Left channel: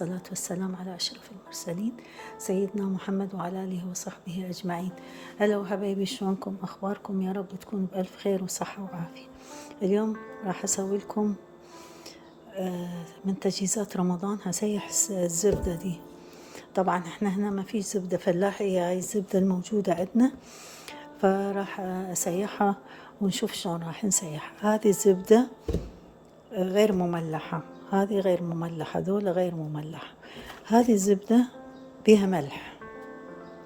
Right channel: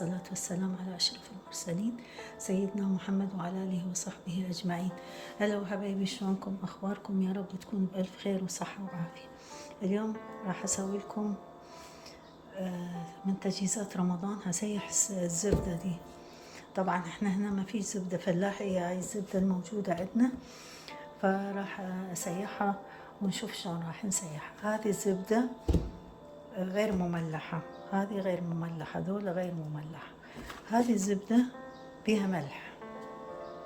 والصلاة والسلام على أشرف المرسلين سيدنا محمد وعلى آله وصحبه أجمعين. هلا وحبايبي، شلونكم؟ أخباركم؟ يا رب تكونوا بألف خير وصحة وعافية. اليوم راح أسوي لكم من تجهيزات رمضان. هسيح الزبدة دي. طبعا احنا هنا ما فيش زبدة فلاحي، هاي الزبدة الموجودة عندنا، فراح أسيحها ونشوف شلون راح نسيحها. هذه الزبدة غير مملحة، هذه غير مملحة، دول غير مملحة. هذه الزبدة بيها ملح،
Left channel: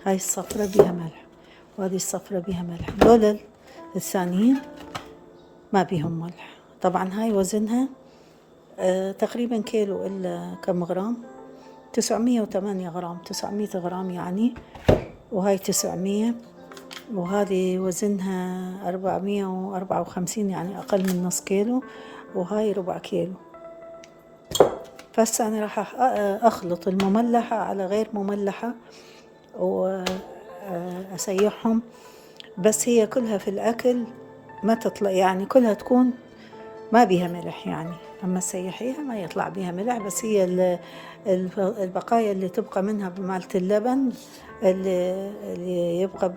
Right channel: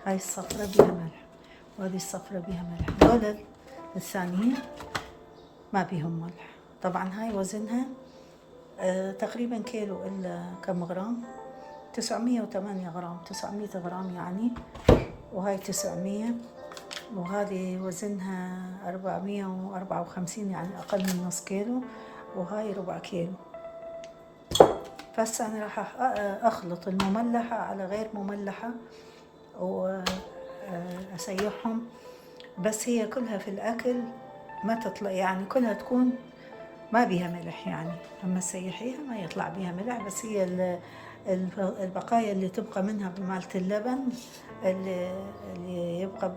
هاي الصفرة بيها ملح وهذه الصفرة بيها ملح. دول الثانيين ما بيهم ملح. طبعا هاي وزنها تقريبا كيلو إلا كم غرام، 908 غرام، 900 غرام يعني، وهاي 900، وهذه وزنها 454 يعني أقل من نص كيلو، وهاي ربع كيلو. فهسه أنا راح أخلط المملحة على غير مملحة وأسيحهم، بس هي كلها في الأكل ما تطلع، يعني كلها تكون ما بيها ملح، يعني أما تسيحيها ما يطلع بيها ملح، بس هي البقايا اللي تبقى منها بمالة اللبن اللي يبقى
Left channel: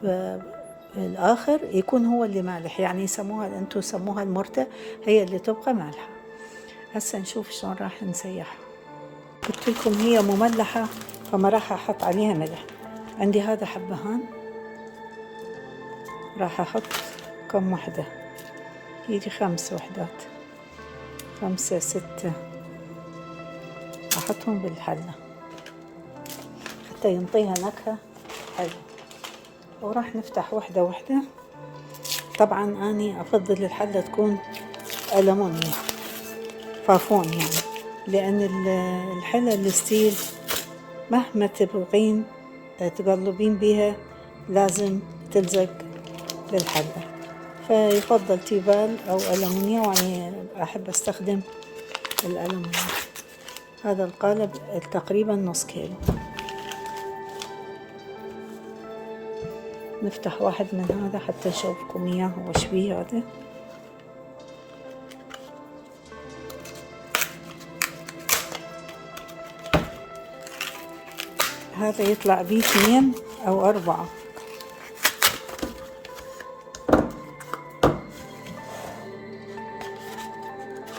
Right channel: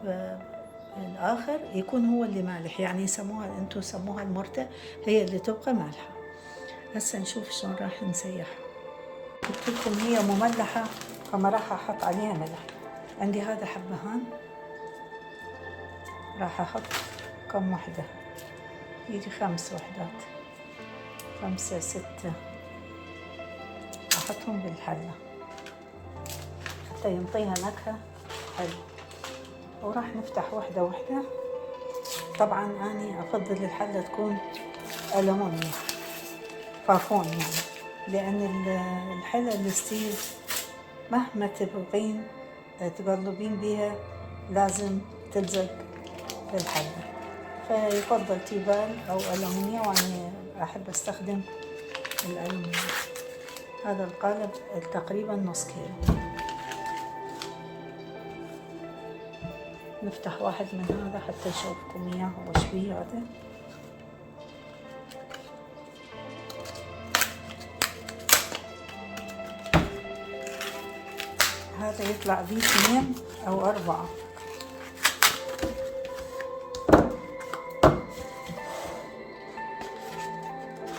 بالآخر يكون هو اللي مالح، يعني يسموها، أنتوا يسموها المرتة، هي اللي تبقى مالحة. هسه نشوف شلون راح نسيحها. قلت لكم هي مملحة فما راح أحط عليها ملح. عندي هذا حبهان، راح أحط كم وحدة، يجي 5 وحدات، 5 6، أحطهم بالحلة حتى ينطيها نكهة حلوة. وراح نفتح وحدة وحدة. طبعا أني أفضل الحلة تكون ألمونيا فافون، يعني لأن الحلة الستيل مهما تبغين تقلبين بيها لازم تلزق بالحلة، فيفضل تيفال أو ألمونيا، وأني أحب أستخدم الألمونيا. هذا القالب تقريبا نص كيلو. نفتح واحد من هذا حتى أشوفكم إياه وش بيه. هذا يطلع بيه 2 أو 4.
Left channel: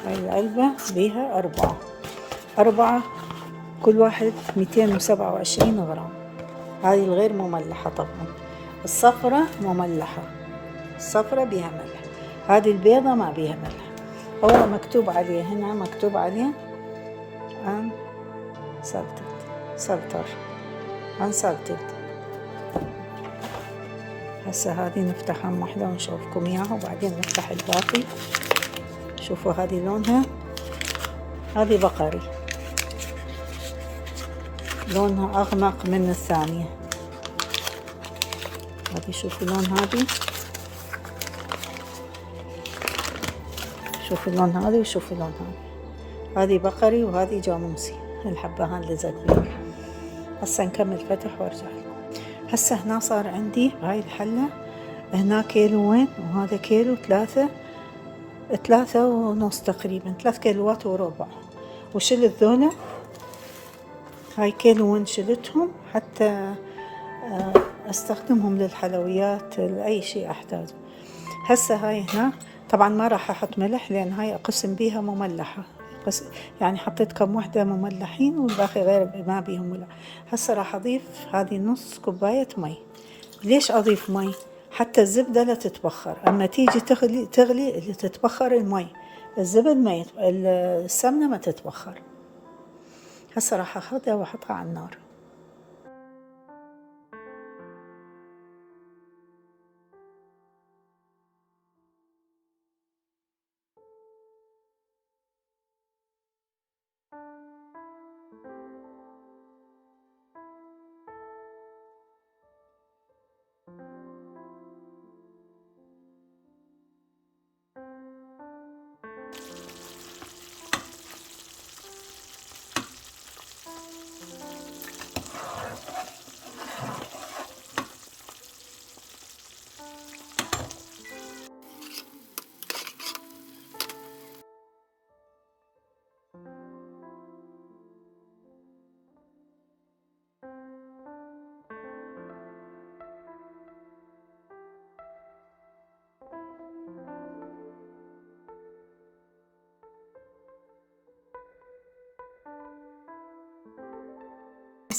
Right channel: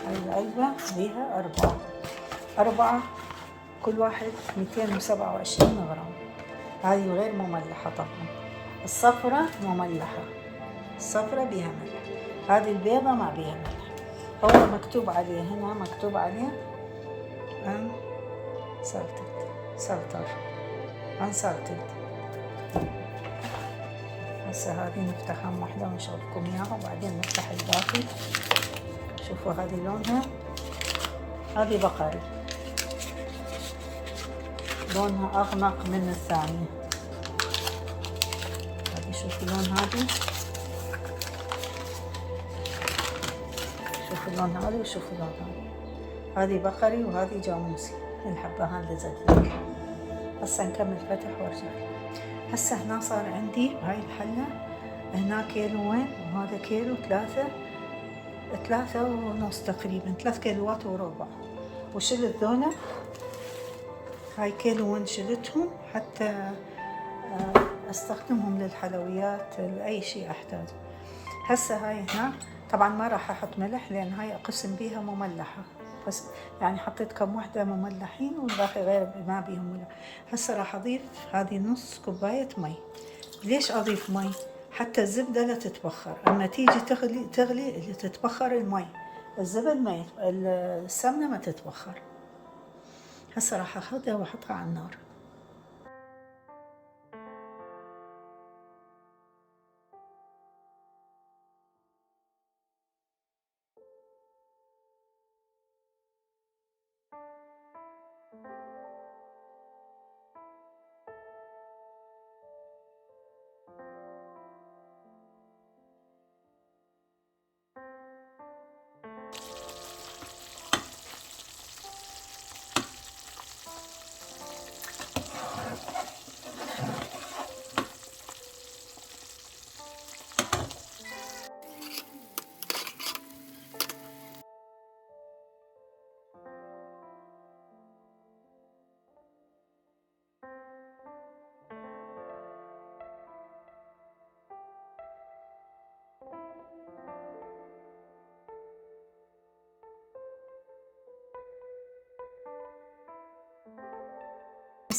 هاي العلبة بيها 4، كل واحد 227 غرام. هذه الغير مملحة طبعا، الصفرة مملحة، الصفرة بيها ملح، هذه البيضة ما بيها ملح. هو مكتوب عليه هنا، مكتوب عليه unsalted. هسه هذه نفتحها واحدة ونشوفكم اياها وبعدين نفتح الباقي. شوفوا هذه لونها، هذه بقري، لونها أغمق من الثانية. هذه شوفوا لون هذه، شوفوا لون هذه وشوفوا لون هذه بقري وهذه جاموسي، الحبهان اللي زدنا. هسه نكمل فتح وارجع. هسه هنا صار عندي هاي الحلة، هنا كيلوين وهذا كيلو، 3 ونص تقريبا، 3 كيلوات وربع. وشلت ذولا، هاي كيلوين شلتهم حتى استخدمهم للحلويات، لأي شيء أحتاج. هسه هاي هنا طبعا ما راح أحط ملح لأن هاي أقسم بيها مملحة، بس يعني حطيت كم وحدة مملحين والباقي غير ما بيهم ملح. هسه راح أضيف هذه نص كوباية مي. ليش أضيف مي؟ حتى الزبدة لا تتبخر، أما تيجي تغلي اللي تتبخر المي، الزبد السمنة ما تتبخر. هسه راح أخذها وأحطها على النار.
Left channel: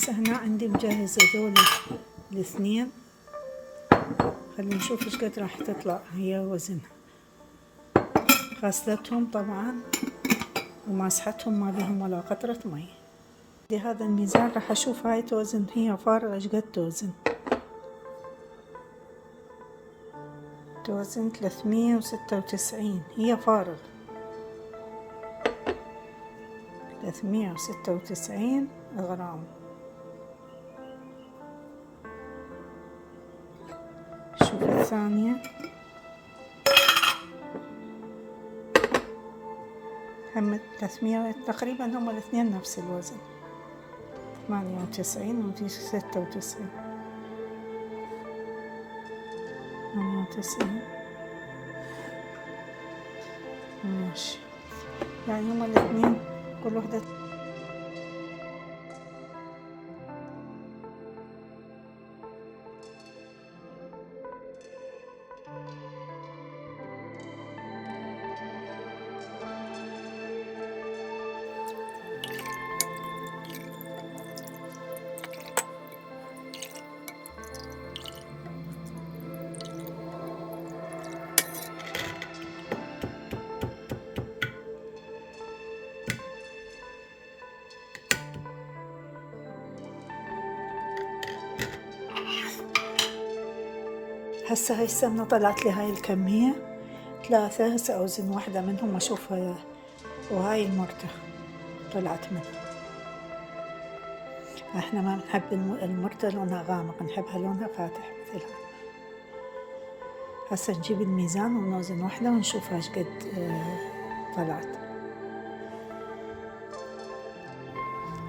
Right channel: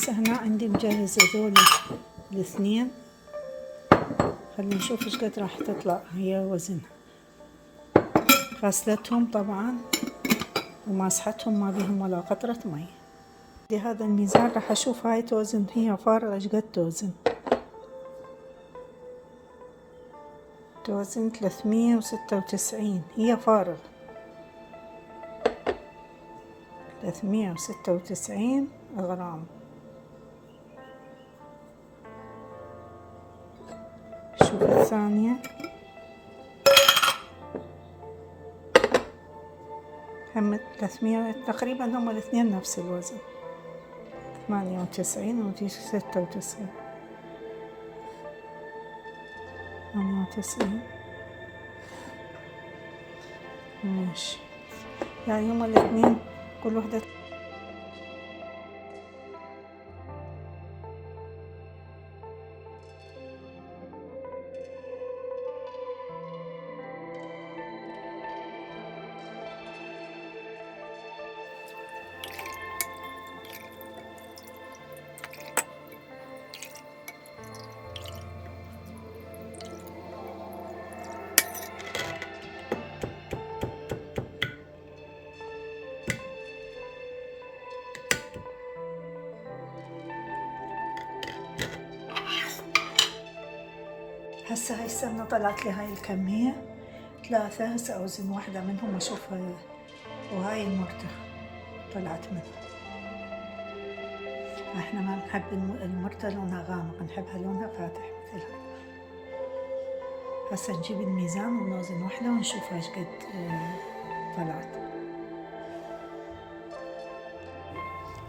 هسه هنا عندي مجهزة ذول الاثنين. خلينا نشوف ايش قد راح تطلع هي وزنها. غسلتهم طبعا وماسحتهم، ما بيهم ولا قطرة مي. بهذا الميزان راح اشوف هاي توزن، هي فارغة ايش قد توزن. توزن 396، هي فارغ 396 غرام. شوف الثانية هم 300 تقريبا، هم الاثنين نفس الوزن، 98 و 96 98 ماشي، يعني هم الاثنين كل وحدة. هسه هاي السمنة طلعت لي هاي الكمية 3. هسه أوزن واحدة منهم أشوف، وهاي المرتة طلعت منها. احنا ما نحب المرتة لونها غامق، نحبها لونها فاتح مثلها. هسه نجيب الميزان ونوزن واحدة ونشوف ايش قد طلعت.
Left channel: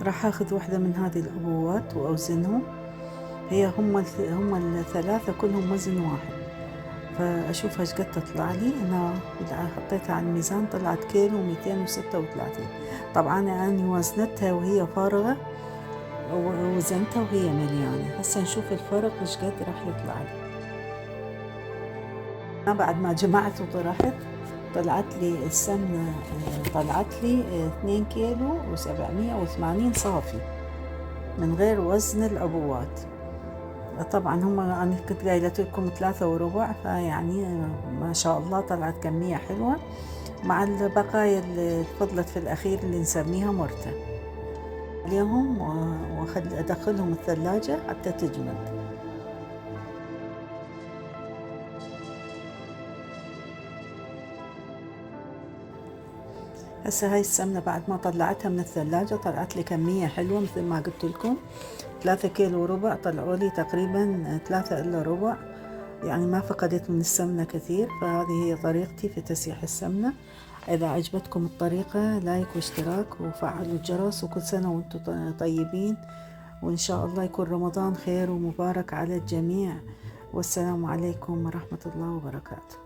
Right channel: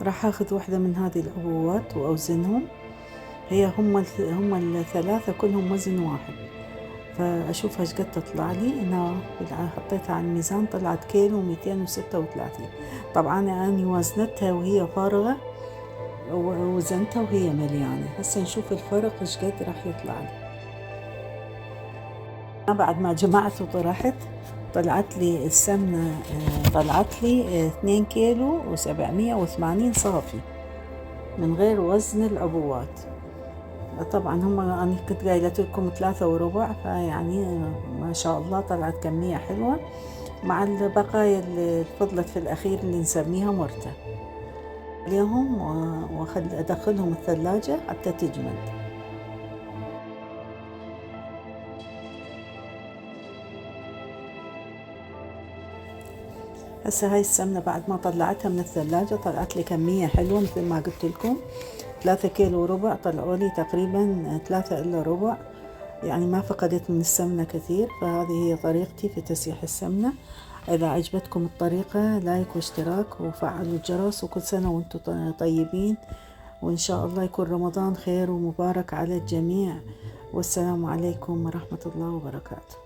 راح اخذ واحدة من هذه العبوات واوزنهم. هي هم الثلاثة كلهم وزن واحد، فاشوف ايش قد تطلع لي. انا حطيتها على الميزان طلعت كيلو 236. طبعا انا وزنتها وهي فارغة ووزنتها وهي مليانة. هسه نشوف الفرق ايش قد راح يطلع لي. أنا بعد ما جمعت وطرحت طلعت لي السمنة، طلعت لي 2 كيلو و780 صافي من غير وزن العبوات. طبعا هم أنا كنت قايلة لكم 3.25، فيعني ما شاء الله طلعت كمية حلوة مع البقايا اللي فضلت في الأخير اللي نسميها مرتة. اليوم أدخلهم الثلاجة حتى تجمد. هسه هاي السمنة بعد ما طلعتها من الثلاجة طلعت لي كمية حلوة مثل ما قلت لكم، 3 كيلو وربع. طلعوا لي تقريبا 3 إلا ربع، يعني ما فقدت من السمنة كثير. فهذه هي طريقتي في تسيح السمنة. إذا عجبتكم الطريقة لايك واشتراك وفعلوا الجرس، وكل سنة وانتم طيبين، وإن شاء الله يكون رمضان خير ومبارك على الجميع. والسلام عليكم ورحمة الله وبركاته.